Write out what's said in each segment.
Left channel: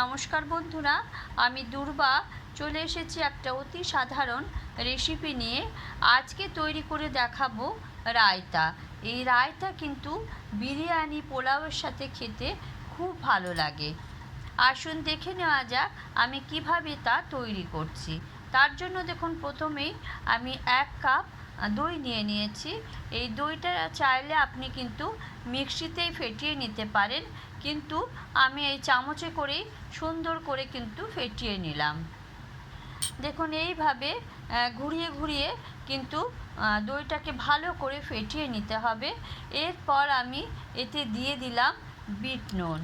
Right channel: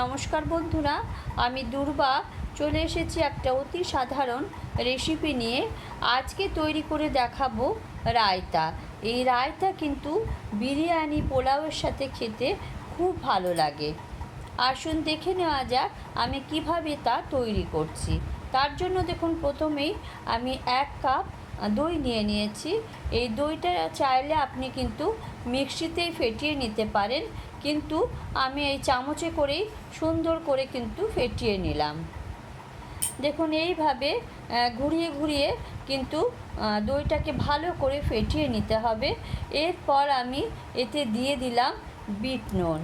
নমস্কার বন্ধুরা, আমি দুর্বা। চলে এসেছি একটা অতি সাধারণ রেসিপি নিয়ে। আজকে তৈরি করে দেখাবো রায়তা। এই রায়তা কিন্তু বিরিয়ানি পোলাওয়ের সাথে খেতে খুব ভালো লাগে। আসুন দেখে নেওয়া যাক আমি কীভাবে তা তৈরি করছি। তার জন্য দেখুন, প্রথমেই আমি এক কাপ দই নিয়ে নিয়েছি। এই দইটা চাইলে আপনি কিন্তু মিক্সিতেই ফেটিয়ে নিতে পারেন। কিন্তু আমি এই চামচে করেই সুন্দর করে কিন্তু ফেটিয়ে নিলাম। দেখুন, এইভাবে ঘুরিয়ে ঘুরিয়ে কিন্তু দইটাকে ভালো করে ফেটিয়ে নিতে হবে। এরপর আমি এতে দিয়ে দিলাম বিট নুন।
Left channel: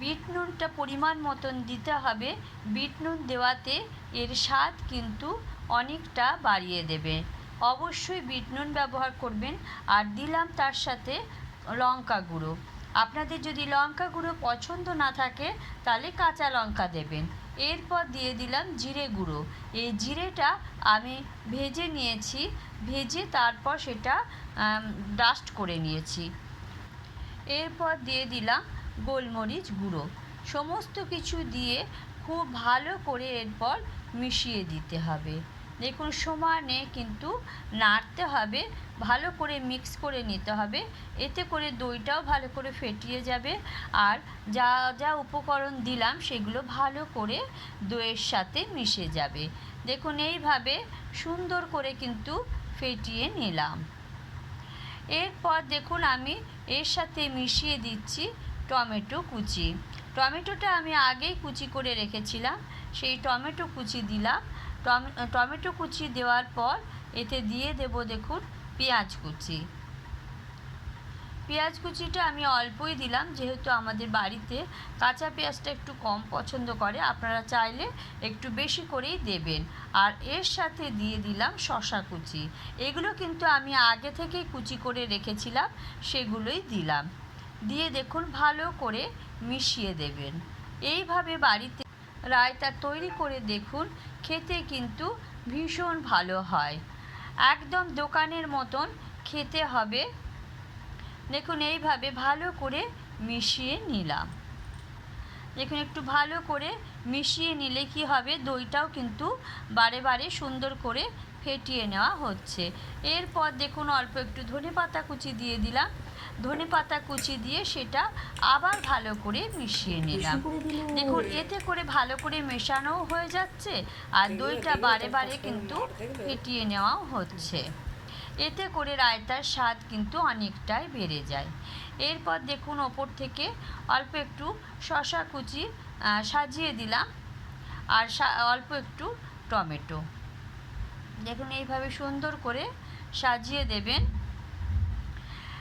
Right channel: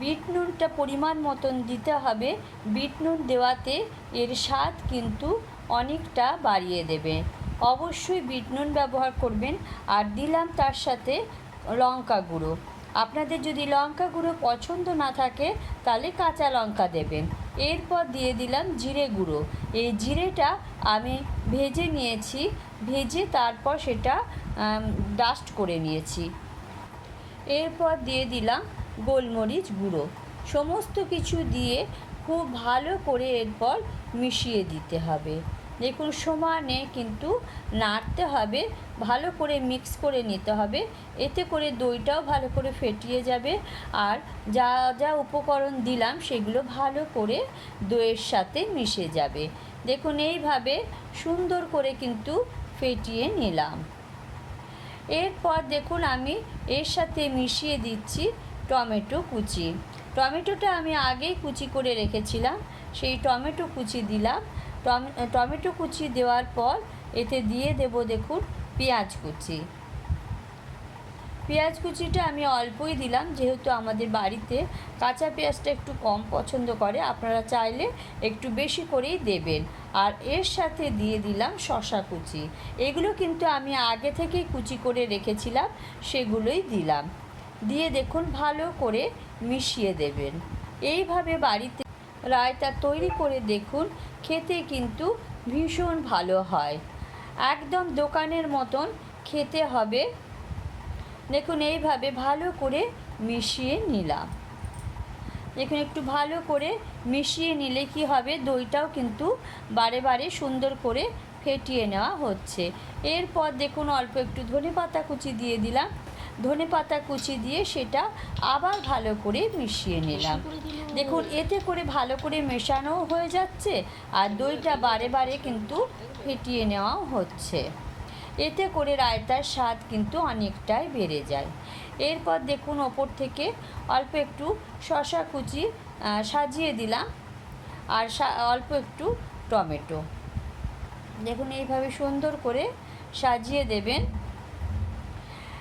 বিট নুনটা পরিমাণ মতন দিতে হবে। বিট নুন দেওয়াতে এর স্বাদ কিন্তু অনেকটা বাড়িয়ে দেবে। অবশ্যই বিট নুন ব্যবহার করবেন আর দিলাম তার সাথে লঙ্কা গুঁড়ো। আপনাদের যদি লঙ্কা গুঁড়ো পছন্দ না থাকে, তাহলে কাঁচা লঙ্কা দেবেন। এরপর দিয়ে দিলাম জিরে গুঁড়ো। এই জিরেটা আমি ভেজে নিয়েছি, ভেজে তারপর সেটা ডাস্ট করে নিয়েছি। এরপর দিয়ে দিলাম গোলমরিচ গুঁড়ো। সমস্ত কিছু দিয়ে খুব ভালো করে এরপর মিশিয়ে দিতে হবে। দেখুন, সমানে কিন্তু নাড়তে হবে, ভালো করে মিক্স করে নিতে হবে। এতে করে দইটাও ভালো করে ফেটিয়ে যাবে। আর যা যা উপকরণ দিলাম, সেগুলো ভালো করে দইয়ের সাথে মিশে যাবে। দেখুন, এইভাবে সুন্দর করে কিন্তু ফেটিয়ে নিলাম। এরপর দেখুন, আমি এর সাথে মিশিয়ে দিচ্ছি টমেটো কুচি। টমেটোটা আমি আগেই কুচি করে রেখেছিলাম। সেই টমেটো কুচি দিলাম। টমেটো কুচি দেওয়ার পর এতে দিয়ে দেব দেখুন পেঁয়াজ কুচি। পেঁয়াজ কুচিটা আমি অল্পই দিলাম, যেহেতু আমাদের বাড়িতে কাঁচা পেঁয়াজটা একটু কম পছন্দ করে, আপনারা চাইলে একটু বেশি করেই দেবেন। আর এর সাথে দিয়ে দিলাম শশা কুচি। এগুলো কিন্তু আমি আগে থেকেই কুচি করে রেখেছিলাম, সেগুলোই দিলাম। দিয়ে দেখুন ভালো করে মিশিয়ে দেবেন। এইভাবে বাড়িতে রায়তা তৈরি করে দেখুন, খেতে কিন্তু ভীষণ ভালো হয়। একদম দোকানের মতন খেতে হবে। দেখুন, এইভাবে ভালো করে মিশিয়ে নিলাম। দেখুন, একটু ভালো করে মিশিয়ে নিলে কি হবে? দইটাও কিন্তু বারে বারে সুন্দর করে ফেটিয়ে নেওয়া হচ্ছে। এরপর দেখুন, অল্প একটু ধনে পাতা কুচি দিয়ে দিলাম। ধনে পাতা কুচি দিয়ে সেটা আবার ভালো করে মিশিয়ে নিলাম। দেখুন এতে করে ভালো করে মেশানোও হয়ে যাচ্ছে আর দইটা বারে বারে কিন্তু ফেটিয়ে নেওয়াও হচ্ছে। এতে করে রায়তার স্বাদ কিন্তু অনেকটাই বেড়ে যায়। এরপর দেখুন ওপর থেকে অল্প একটু শশা কুচি সাজিয়ে দিলাম আর অল্প একটু টমেটো। দেখুন এইভাবে সুন্দর করে সাজিয়ে দেবেন।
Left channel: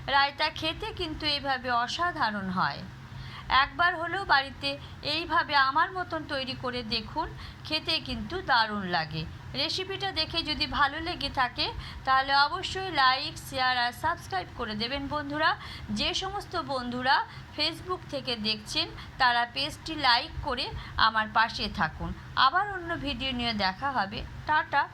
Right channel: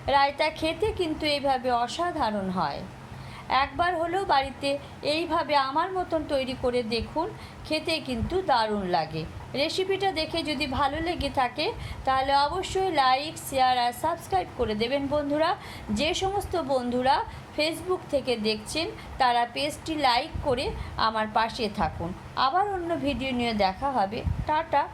রায়তা খেতে কিন্তু এইভাবে অসাধারণ হয়। একবার হলেও বাড়িতে এইভাবে আমার মতন তৈরি করে দেখুন, খেতে কিন্তু দারুণ লাগে। রেসিপিটা দেখে যদি ভালো লেগে থাকে, তাহলে অবশ্যই লাইক, শেয়ার আর সাবস্ক্রাইব করে দেবেন বন্ধুরা। যে সমস্ত বন্ধুরা ফেসবুক থেকে দেখছেন, তারা পেজটি লাইক করে আমার পাশে থাকুন। আবার অন্য ভিডিও নিয়ে দেখা হবে। টাটা।